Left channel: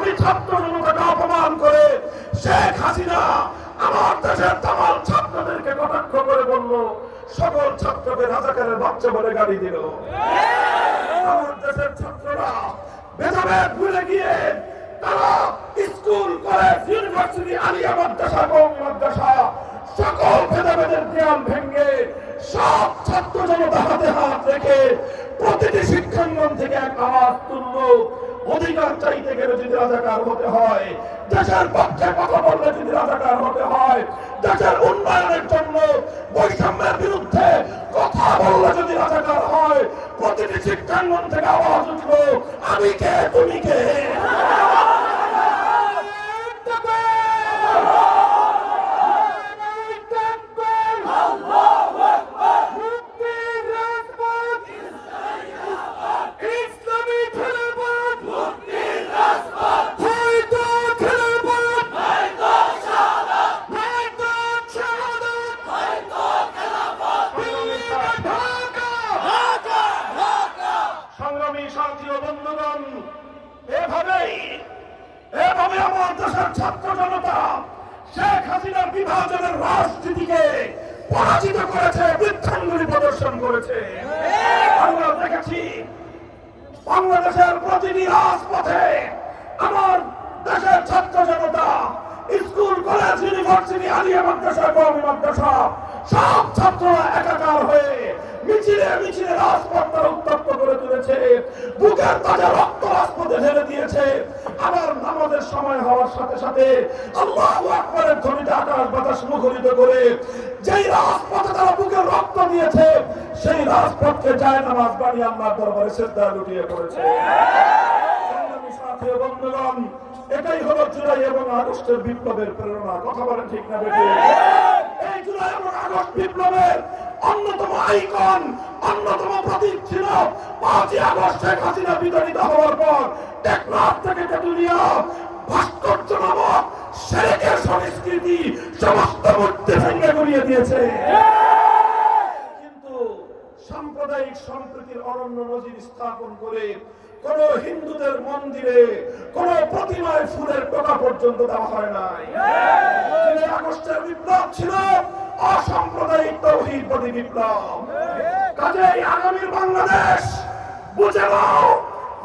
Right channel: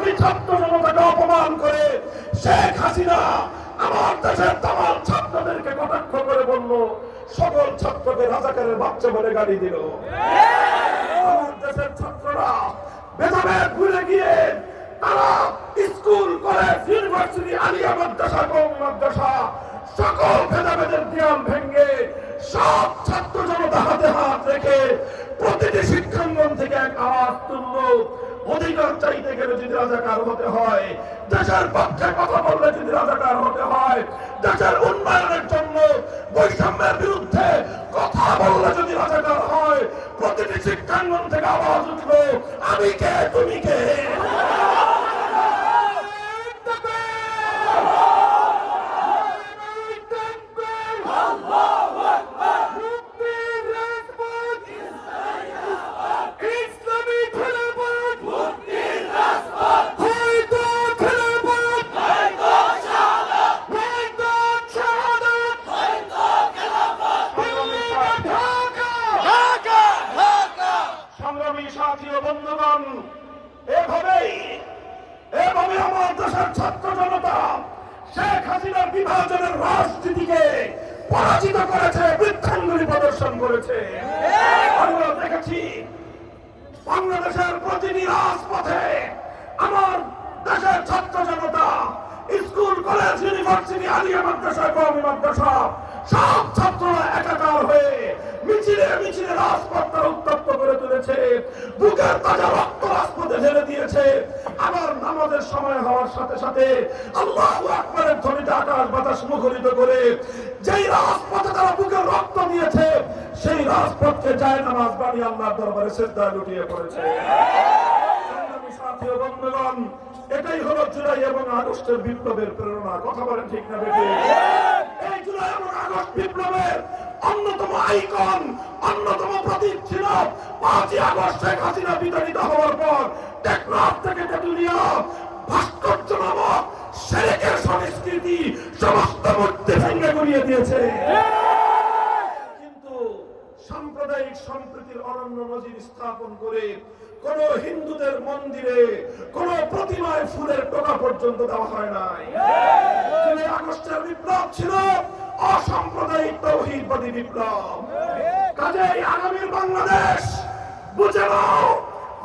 কোটি ছাত্র জনতাকে অপমান করে শেখ হাসিনা আমার দেশের তামাম ছাত্রদেরকে কটাক্ষ করে বলল, সকল ছাত্রকে রাজাকারের বাচ্চা বলে গালি দিল। আমার দেশের ছাত্ররা ভেদাভেদ ভুলে গিয়ে তারা স্কুল, কলেজ, ইউনিভার্সিটি, আলিয়া মাদ্রাসা, কওমি মাদ্রাসা সকল ভেদাভেদের জ্ঞান ভেঙে সব ছাত্র জনতা হাতে হাত রেখে প্রতিটি শিক্ষাঙ্গন থেকে এক আওয়াজ তুলল, অধিকার চাইতে গেলে যদি রাজাকার হতে হয়, দেশের পক্ষে কথা বললে যদি রাজাকার হতে হয়, দেশের উন্নয়নের জন্য বৈষম্যের বিরুদ্ধে কথা বললে যদি রাজাকার হয়, প্রতিটি শিক্ষাঙ্গন থেকে আওয়াজ উঠল, আমি কে তুমি কে। এভাবে আমার দেশের ছাত্র জনতা শেখ হাসিনার বিভাজনের রাজনীতিকে পরাজিত করেছে, বৃদ্ধাঙ্গুলি প্রদর্শন করেছে। আমরা দেখেছি বাংলাদেশের প্রতিটি রাজপথে আমার দেশের ছাত্র জনতা স্কুল, কলেজ, ইউনিভার্সিটি, আলিয়া মাদ্রাসা, কওমি মাদ্রাসা সব ছাত্ররা একাকার হয়ে মিছিলে মিছিলে রাজপথ তারা উত্তপ্ত করে তুলেছে, বুকের তাজা রক্ত রাজপথে ঢেলে দিয়েছে। আবার নামাজের সময় হওয়ার সাথে সাথে আল্লাহু আকবারের ধ্বনিতে আকাশ বাতাস মুখরিত করে যেই রাজপথে তারা বুকের রক্ত দিয়েছে, সেই রাজপথকে যায় নামাজ বানিয়ে আল্লাহর দরবারে সিজদায় লুটিয়ে পড়েছে। সাথী ও বন্ধুগণ, এটাই হলো জুলাই এবং আগস্টের বিপ্লবের প্রেরণা। কথা বলেন ঠিক না বেঠিক? এই জুলাই এবং আগস্ট বিপ্লবের অন্যতম আইকন, অন্যতম প্রতীক ছিল 5ই আগস্ট শেখ হাসিনা বিতাড়িত হওয়ার পর টেকনাফ থেকে তেতুলিয়া ভাস্কর্য নামক শেরেকের সংস্কৃতি সমস্ত মধ্যে ভেঙে গুড়িয়ে দিয়েছে। কিন্তু সাম্প্রদায়িক সম্প্রীতির অনন্য নজির স্থাপন করে কোন হিন্দুদের মন্দিরে কোন প্রতিমায় ফুলের টোকা পর্যন্ত দেওয়া হয় নাই। আগস্টের বিপ্লব ছিল অসাম্প্রদায়িক তৌহিদবাদী বিপ্লব। কাজেই আগামীর বাংলাদেশ বুঝে নাও,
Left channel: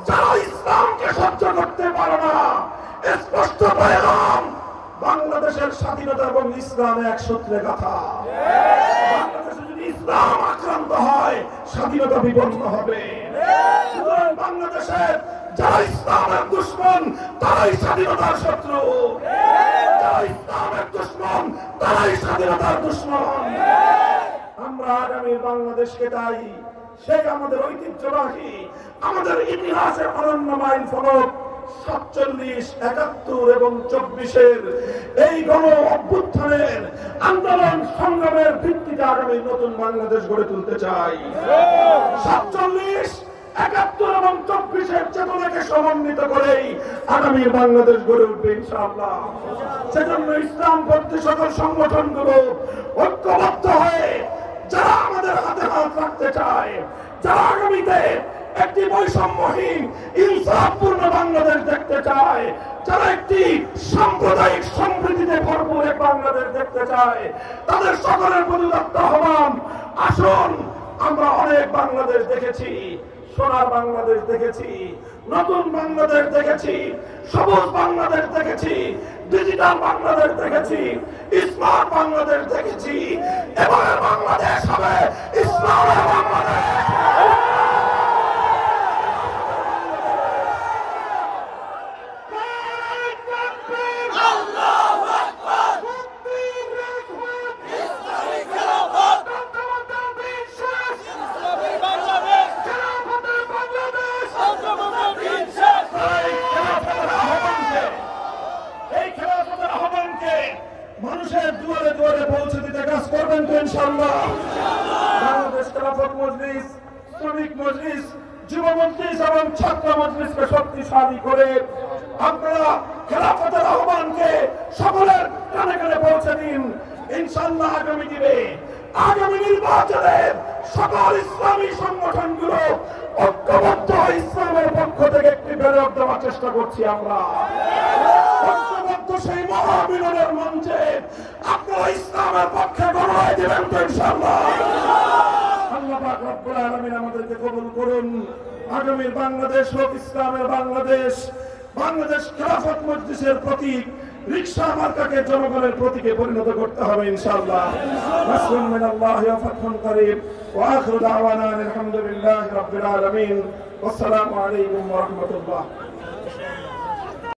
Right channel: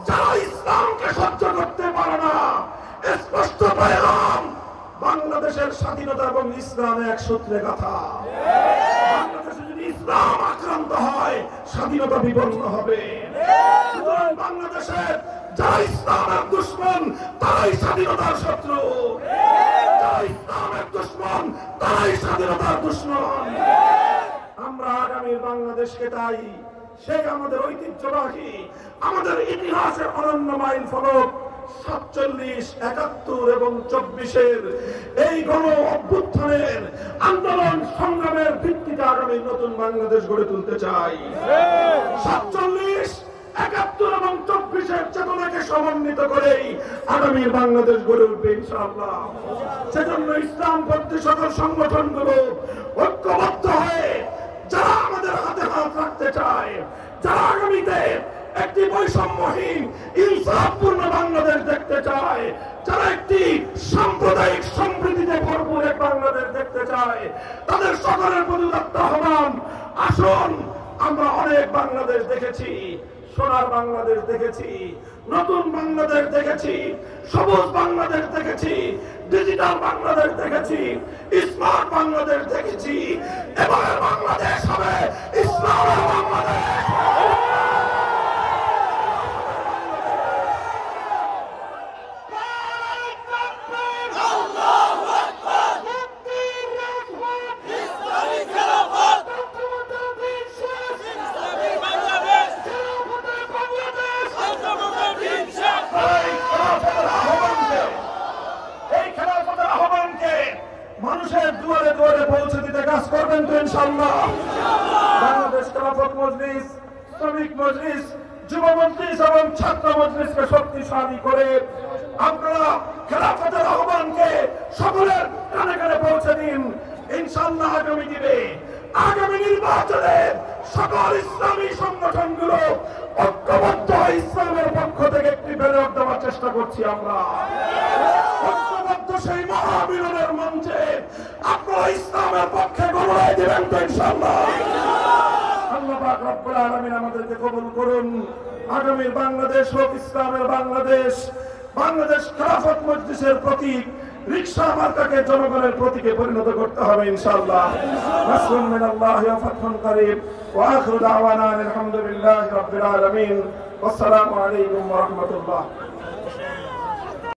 যারা ইসলামকে সহ্য করতে পারে না, স্পষ্ট পয়গাম, বাংলাদেশের স্বাধীনতা এবং ইসলাম এক সূত্রে গাঁথা। বাংলাদেশে যদি ইসলাম আক্রান্ত হয়, স্বাধীনতা বিপন্ন হবে। বাংলাদেশের যারা ইসলামের দুশমন, তারাই স্বাধীনতার শত্রু। যারা ইসলামের দুশমন, তারাই স্বাধীনতার দুশমন। আমরা আগামীর বাংলাদেশকে তাই সেই আমাদের ঐতিহ্যবাহী, আমাদের ইতিহাসের অনন্য মাইল ফলক 47, 71 এবং 24-এর এই গণ অভ্যুত্থানের আন্দোলন সংগ্রামের ভিত্তিতে আগামী নতুন বাংলাদেশ গড়ে তুলতে চাই। 47, 71 এবং 24-এর চেতনাকে সমন্বিত করেই আগামী বাংলাদেশ গড়ে উঠবে ইনশাআল্লাহ। সেজন্য ইসলামপন্থী সকল সংগঠনগুলো ঐক্যবদ্ধ হয়ে যারা আমাদের হাতে হাত রাখতে চায়, যারা আগামীতে একটি বৈষম্যহীন ইনসাফপূর্ণ বাংলাদেশ দেখতে চায়, যারা একটি সাম্প্রদায়িক সম্প্রীতিতে ভরপুর এক বাংলাদেশ দেখতে চায়, তাদের সকলের প্রতি আহ্বান, আসুন। আমরা অনেক বাংলাদেশ দেখেছি, সোনার বাংলাদেশ দেখেছি, নতুন বাংলাদেশ দেখেছি, সবুজ বাংলাদেশ দেখেছি, ডিজিটাল বাংলাদেশ দেখেছি, স্মার্ট বাংলাদেশ দেখেছি। এবার বাংলাদেশ হবে ইসলামের বাংলাদেশ। মানুষের দুয়ারে দুয়ারে পৌঁছে দিতে কাজ করবেন তো ইনশাআল্লাহ। বাংলাদেশ খেলাফত মজলিস, শ্রমিক মজলিস, যুব মজলিস এবং ছাত্র মজলিসকে শক্তিশালী করে আপনারা খেলাফতের আহ্বানকে সকলের কানে কানে পৌঁছে দিন। ইনশাআল্লাহ আগামী দিনে আগামী নির্বাচনে সকল ইসলামী সংগঠনগুলো ঐক্যবদ্ধ হয়ে ইসলামের পক্ষ থেকে একটি ব্যালট দেওয়ার চেষ্টা করছি আমরা। ঐক্যবদ্ধ সেই মহামিলনের মঞ্চে আপনারা ইসলামের পক্ষে গণরায় দেবেন তো ইনশাআল্লাহ। আল্লাহ পাক রব্বুল আলামিন আমাদেরকে কবুল করুন। আগামীর বাংলাদেশ হোক ইসলামের বাংলাদেশ। বাংলাদেশ খেলাফত মজলিসের প্রতীক রিকশা মার্কাকে জনগণের প্রতীকে পরিণত করতে হবে ইনশাআল্লাহ। নাসরুন মিনাল্লাহি ওয়া ফাতহুন করিব ওয়া আখিরু দাওয়ানা আলহামদুলিল্লাহি রাব্বিল আলামিন। ওয়াসসালামু আলাইকুম ওয়া রাহমাতুল্লাহ।